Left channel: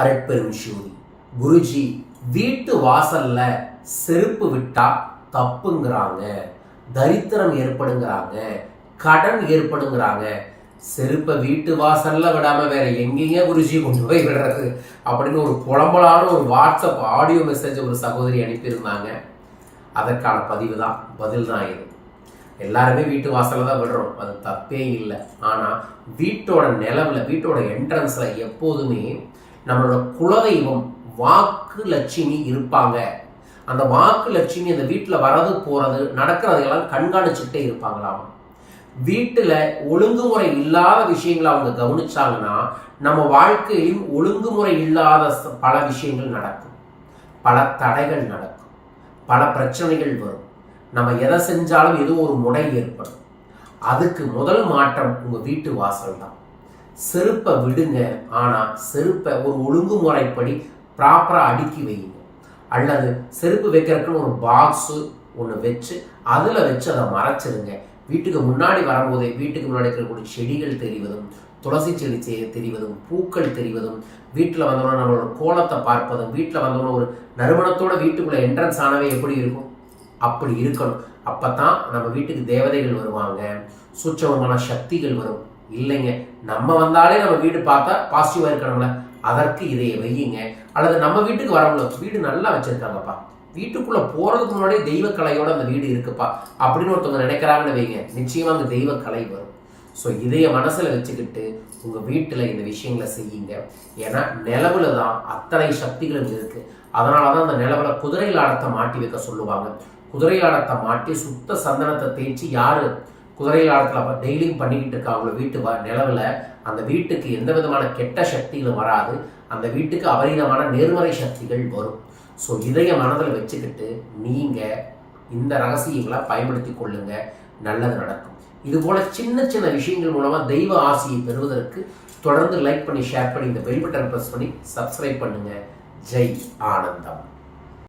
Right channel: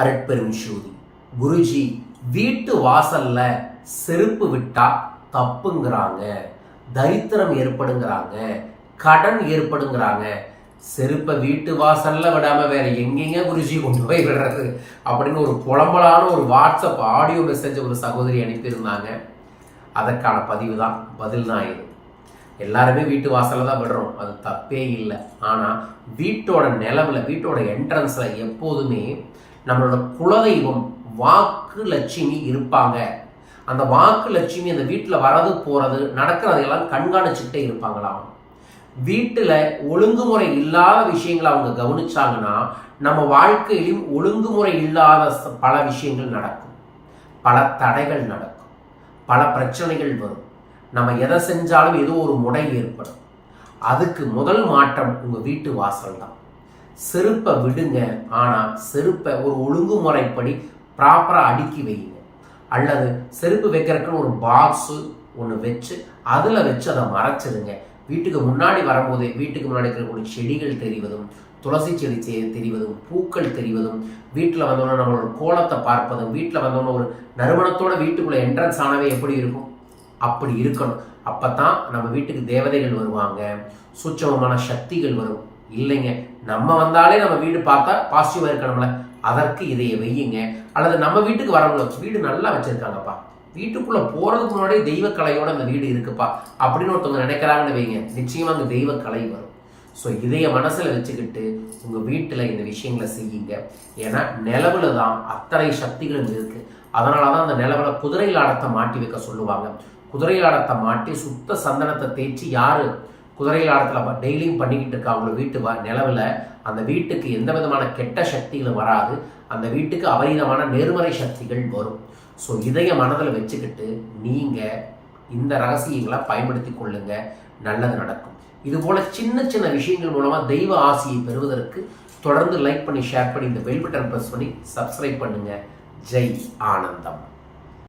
அருட்பெரும் ஜோதி குருஜி வீட்டு வாசல்ல செருப்பு விட்டா தப்புங்கிறாங்க தரித்திரம் ஏற்படுங்கிறாங்க கடன் ஏற்படுங்கிறாங்க. செருப்பை வீட்டு வாசல்ல விடாம வேற எங்கெங்க குருஜி கொண்டு போய் விடுறது அப்படின்னு ஒரு புலம்பலான ஒரு வாட்ஸ்அப் ஆடியோ மெசேஜ் ஒரு சகோதரி அனுப்பியிருந்தாங்க. அதற்கான பதிவு தான் பதில் தான் இது. எல்லாருமே வீட்டு வாசல்ல தான் விடுறோம். அது தப்பே இல்லை. ஆனால் வீட்டோட நிலவுல வீட்டோட என்ட்ரன்ஸ்ல எப்போதுமே நம்மளோட குலதெய்வம் வாக்கு லட்சுமி இருப்பாங்க. அந்த வாக்கு லட்சுமி அந்த வீட்டில் வரது போகிறது நடக்கிறதையெல்லாம் கண்காணிச்சுக்கிட்டே இருப்பாங்களாம். வீட்டில் ஒழுங்குமுறை இல்லாத விஷயங்களை அவங்க கவனிச்சாங்கன்னா நம்ம வாழ்க்கையிலும் ஒழுங்குமுறை இல்லாத பல விஷயங்கள் நடக்கும். பல தடைகள் நடக்கும். பல பிரச்சனைகள் வரும். நம்ம எதை செஞ்சாலும் ஏதோ ஒரு முடை ஏற்படும். அதுக்கு முதல் மாற்றம் உங்கள் வீட்டு வாசல் தான் செருப்பை விடுங்க. ஆனால் செருப்பை ஒரு ஒழுங்குமுறைப்படி ப்ராப்பராக அடுக்கி வையுங்க. அல்லது செருப்பு வைக்கிறதுக்குன்னு ஒரு பாக்ஸு ஒன்று வச்சு அதில் வச்சு அதை மறைச்சிருங்க. வீட்டுக்கு முன்னாடி வரும்போதே வீட்டுக்கு முன்னாடி இருக்கக்கூடிய செடிகள் தெரிவதும் துளசி செடி தெரிவதும் பூக்கள் தெரிவதும் வீட்டில் வந்தோடனே நம்மளோட கோலத்தை பார்ப்பதும் வீட்டில் வந்தோடனே ஒரு நறுமணத்தோட வீட்டுக்குள்ளே என்ட்ரன்ஸ் ஆனவே எப்படி இருக்கும்? அப்படி இருக்கணும். அப்போ தான் நம்ம வீட்டுக்கு தேவதைகள் வருவாங்க. சூட்சமமான சக்திகள் வரும். இல்லைங்க. நம்ம வந்தாலே நம்ம வீடு பார்த்தா பாசிட்டிவாக இருக்கணும்ல. அதற்கு இதைய வையுங்க. அல்லது நம்ம வீட்டுக்கு வரவங்கள வீடு நல்லா வச்சுருக்காங்கப்பா. வீட்டுக்குள்ளே போகிறதுக்கு முன்னாடியே தெய்வ கலையோட அந்த வீடு இருக்குப்பா. அப்படின்னு ஒருத்தவங்க நினைக்கிறாங்கன்னு வைங்க நிச்சயமாக அந்த தெய்வ கலை வரும். ஸோ இதைய மனசில் வச்சுக்கிட்டு உங்கள் வீட்டில் இந்த விஷயங்களை செய்யுங்க. ஏன்னா நிலவில் தான் அத்தனை சக்திகளும் இருக்குது அதனால தான் அந்த நிலவில் குதிரை லாடத்தை மாட்டி வைக்க சொல்லுவாங்க. குதிரை லாடத்தை மாட்டி சுத்த சந்தனத்தை தேய்ச்சி யார்? குதிரை ஆடத்தில் டெய்லியும் பண்ணிக்கிட்டு இருக்காங்களோ வீட்டு வ- நிலவுல. அந்த வீட்டுக்கு எந்த விதமான கெட்ட சக்திகளும் வராது. அந்த வீட்டுக்கு அபரீதமான நேர்மறை சக்திகள் வரும். ஸோ இதைய மனதில் வச்சுக்கிட்டு நீங்கள் இந்த ரகசியங்களை பயன்படுத்தி கொள்ளுங்க. நல்லது நடக்கும். இதுபோல் சின்ன சின்ன விஷயங்கள் மூலமாக தெய்வ ஆசியை பெறுவதற்கு தொடர்ந்து லைக் பண்ணி ஷேர் பண்ணி இந்த பெல் பட்டன் ப்ரெஸ் பண்ணி சப்ஸ்கிரைப் பண்ணுங்கள் ஜெய் ஆனந்தம்.